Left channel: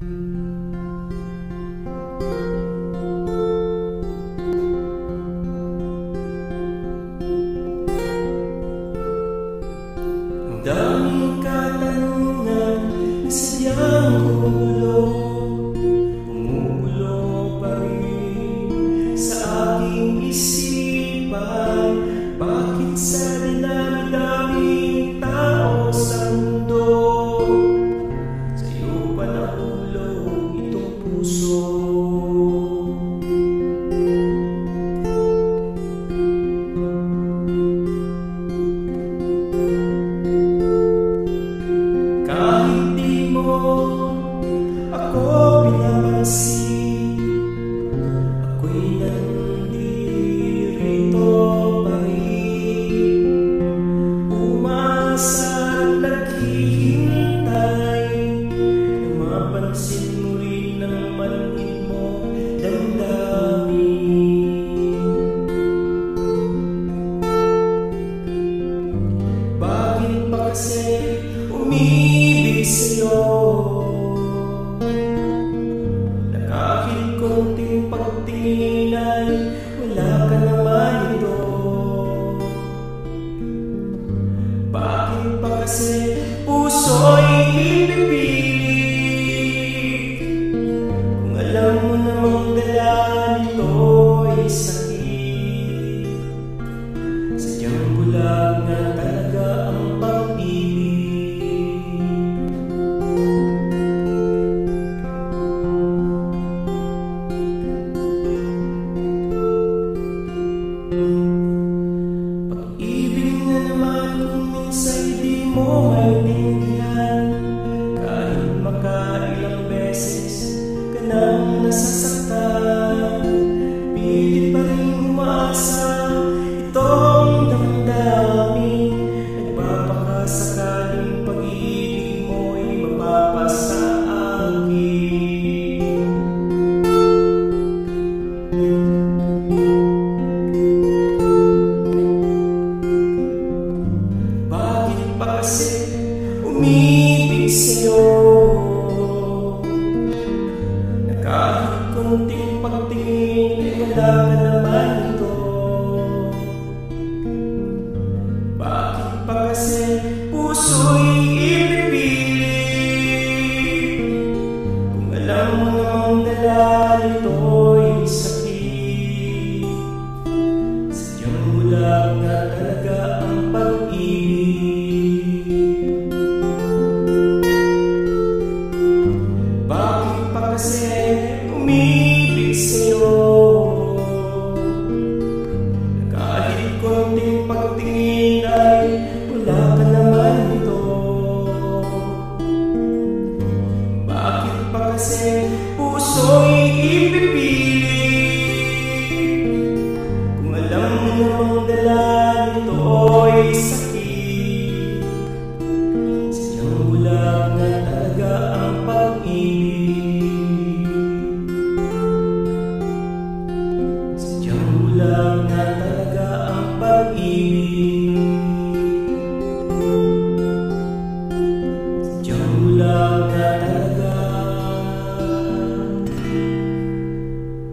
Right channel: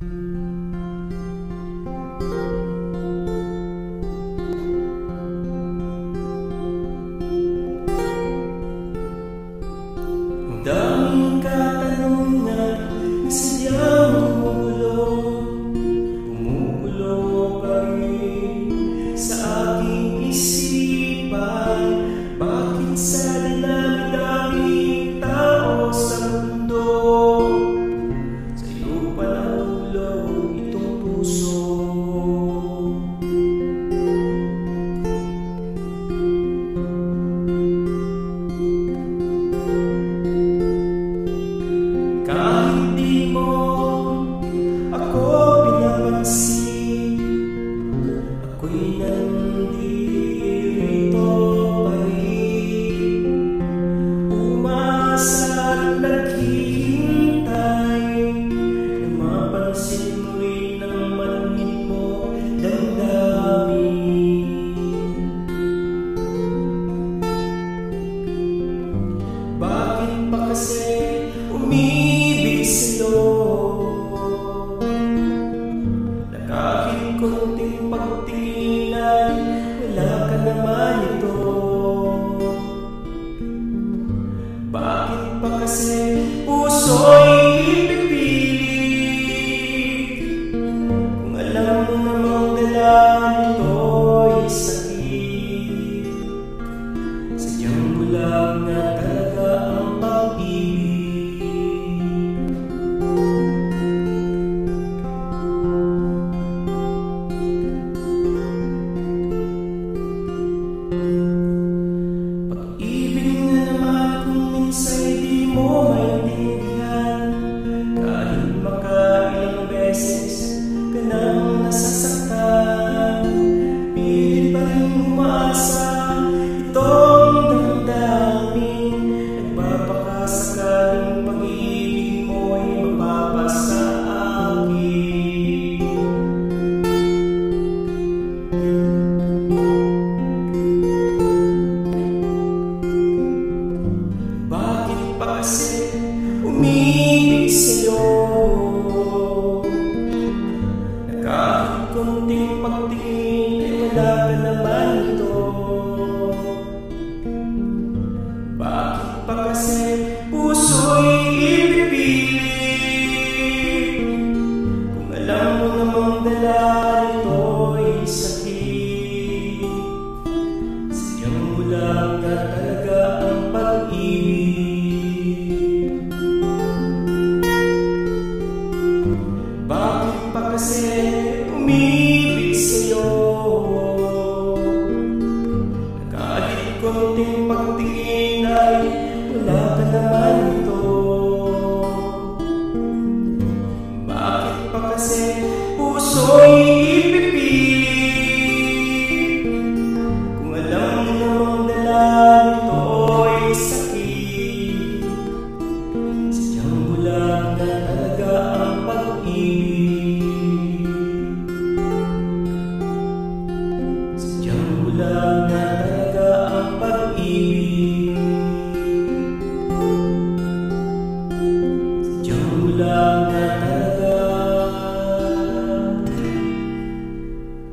Ang daming katanungan na sadyang bumubulo pa rin sa aking isipan. Bakit sa dinami-daming tao sa mundo, sa'yo pa nahulog itong puso? Kahit di mo ako pinapansin, ako'y nandirito pa rin, umasa at naghihintay na mapansin mo rin ang manhin mo damdamin. Bakit pa kasi umibig sa'yo, na kahit konting pagtingin ay wala ka naman ito? Bakit pa kasi puso'y ipipilit, kung alam mo namang dala nito'y sakit? Sadyang bulag nga talaga ang pag-ibig. Pag-ibig nga naman kung minsa'y di mo maintindihan, kahit makailang beses ka nang nasasaktan, pilit pa rin umaasa itong damdamin. Nagpapakasakaling pag-ibig mo'y mapapasa akin. Bakit pa kasi umibig sa'yo, na kahit konting pagtingin ay wala ka naman ito? Bakit pa kasi puso'y ipipilit, kung alam mo namang dala nito'y sakit? Sadyang bulag nga talaga ang pag-ibig. Bakit pa kasi umibig sa'yo, na kahit konting pagtingin ay wala ka naman ito? Bakit pa kasi puso'y ipipilit, kung alam mo namang dala nito'y sakit? Sadyang bulag nga talaga ang pag-ibig. Sadyang bulag nga talaga ang pag-ibig. Sadyang bulag nga talaga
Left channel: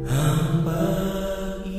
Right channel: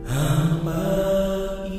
ang pag-ibig.